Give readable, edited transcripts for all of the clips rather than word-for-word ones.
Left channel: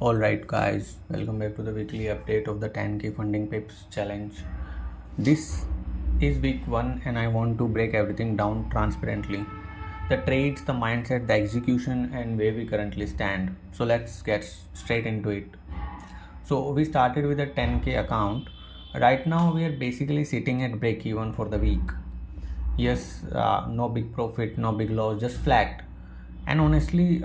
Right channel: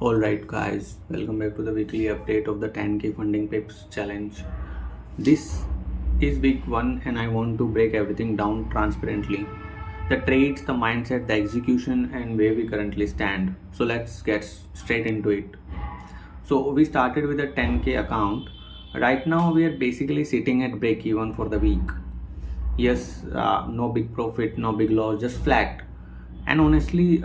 Alright guys, welcome back to the weekly update of the 10k funding pips challenge. This is week 1 and I want to break everything down transparently. The trades, the mindset, the execution and where we currently stand. So let's get straight into it. So we started with a 10k account. Right now we are basically sitting at break even for the week. Yes, no big profit, no big loss, just flat. And honestly,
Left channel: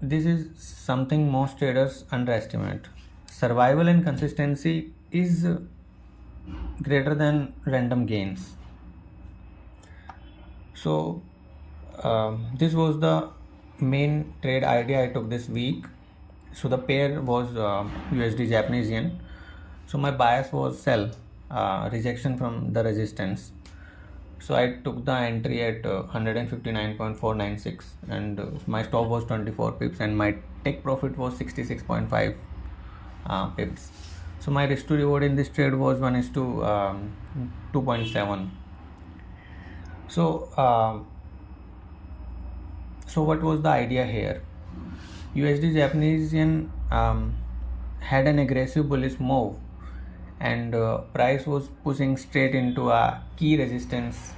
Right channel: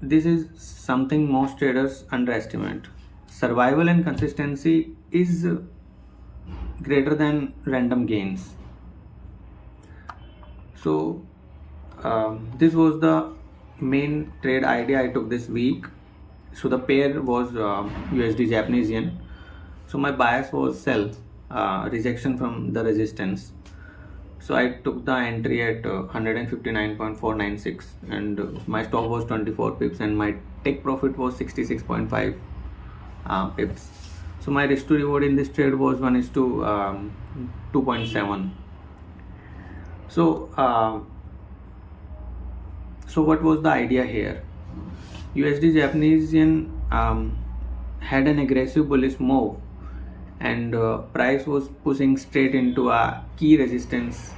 this is something most traders underestimate. Survival and consistency is greater than random gains. So, this was the main trade idea I took this week. So, the pair was USD Japanese yen. So, my bias was sell, rejection from the resistance. So I took the entry at 159.496 and my stop was 24 pips and my take profit was 66.5 pips. So my risk to reward in this trade was 1:2.7. So what was the idea here? USD Japanese yen had an aggressive bullish move and price was pushing straight into a key resistance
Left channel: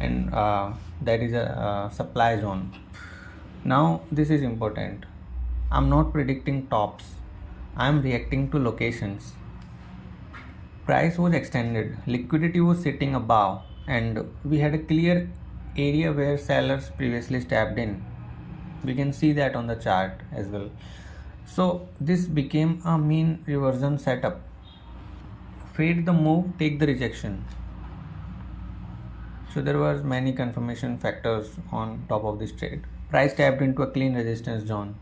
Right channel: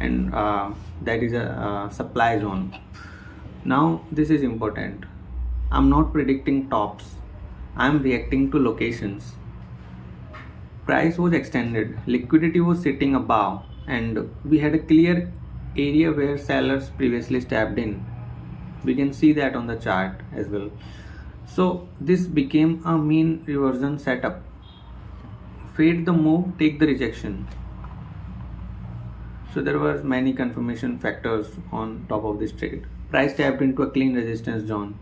and that is a supply zone. Now this is important. I'm not predicting tops, I'm reacting to locations. Price was extended, liquidity was sitting above and we had a clear area where sellers previously stepped in. We can see that on the chart as well. So this became a mean reversion setup. Fade the move, take the rejection. So there were many confirmation factors on top of this trade. Price tapped into a clean resistance zone.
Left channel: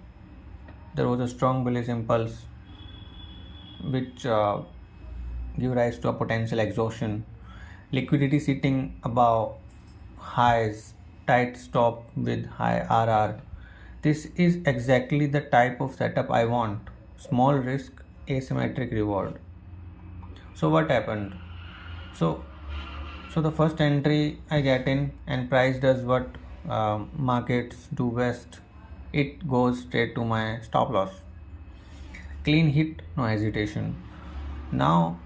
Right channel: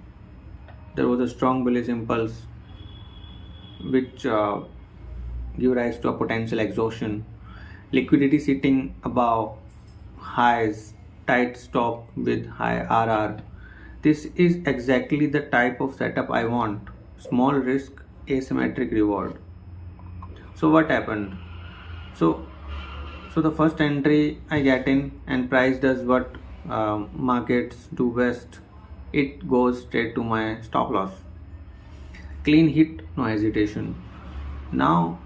There was a strong bullish impulse which gave rise to a potential exhaustion. Liquidity sitting above highs, tight stop with high RR. This is exactly the type of setup I want. Small risk, asymmetric reward. So what happened? So the first entry I get in and price does what markets do best. It goes straight to my stop loss. Clean hit, no hesitation. Now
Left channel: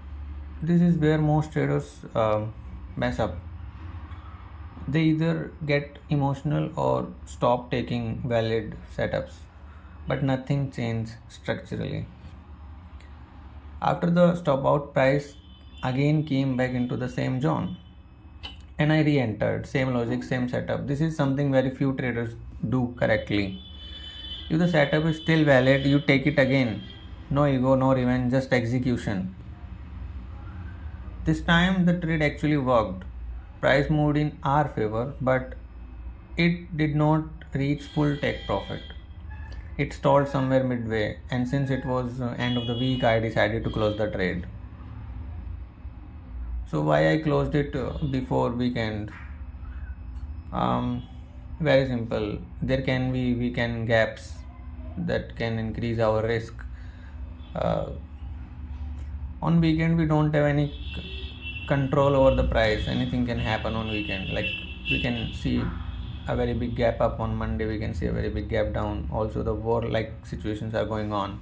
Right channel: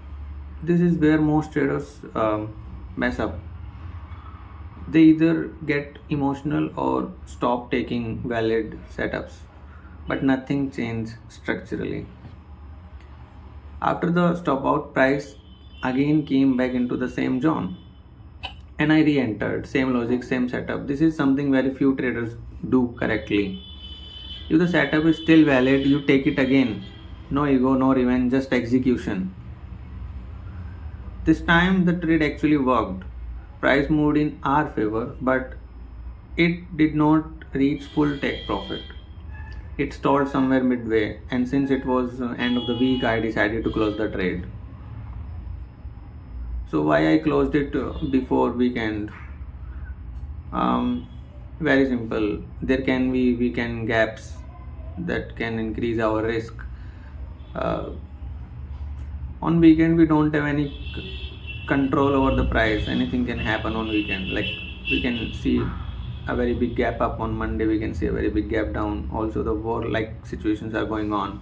this is where most traders mess up. They either get emotional or stop taking valid setups, but nothing changed structurally. After the stop out, price again came back into the same zone and I re-entered. Same logic, same setup. This is something very few traders do correctly. If the setup is still valid, you take it again. No ego, no revenge, just execution. This time the trade actually worked. Price moved in our favor, but it did not reach full take profit. It stalled somewhere midway, and since it was end of the week, I decided to close the trade. So why I closed it before weekend? Very simple. There can be weekend gaps that can increase our risk. On weekend we don't have any control over the price. Anything can happen on weekend. Like we can see a very big gap up on Monday, we can see a very big gap down. Also the war like situations are going on.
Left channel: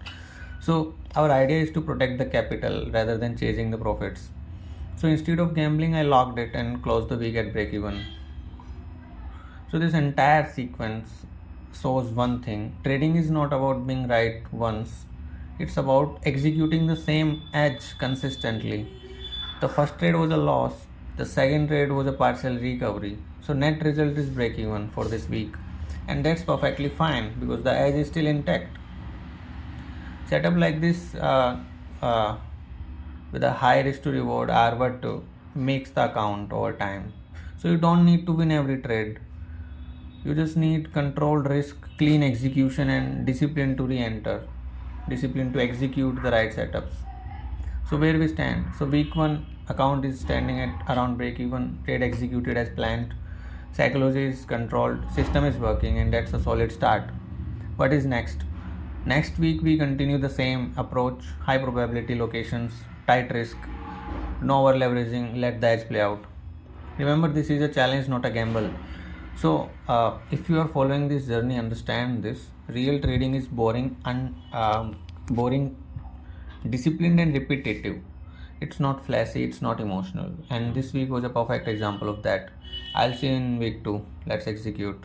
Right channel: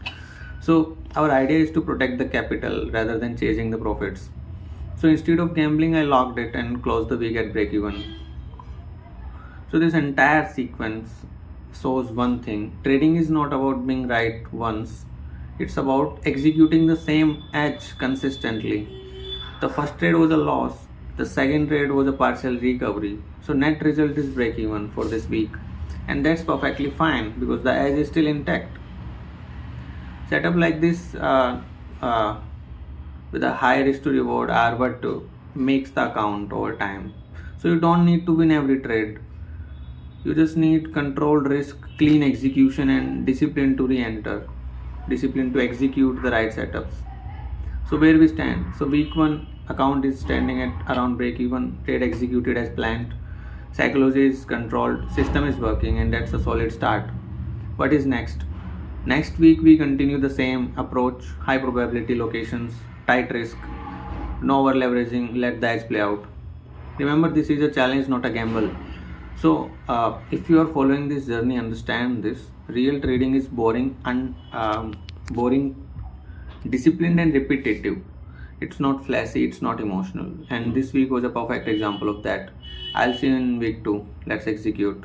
So our idea is to protect the capital rather than chasing the profits. So instead of gambling, I locked it and closed the week at break even. So this entire sequence shows one thing. Trading is not about being right once. It's about executing the same edge consistently. The first trade was a loss. The second trade was a partial recovery. So net result is break even for this week. And that's perfectly fine because the edge is still intact. Setup like this with a high risk to reward are what makes the account over time. So you don't need to win every trade. You just need controlled risk, clean execution and discipline to re-enter. Discipline to execute the right setups. So where we stand? So week 1 account is standing at around break even, trade executed as planned, psychology is controlled, system is working and that's a solid start. What is next? Next week we continue the same approach, high probability locations, tight risk, no over leveraging, let the edge play out. Remember this is a challenge, not a gamble. So if you are following this journey, understand this. Real trading is boring, disciplined and repetitive. It's not flashy, it's not emotional. And this week was a perfect example of that. I'll see you in week 2. Let's execute.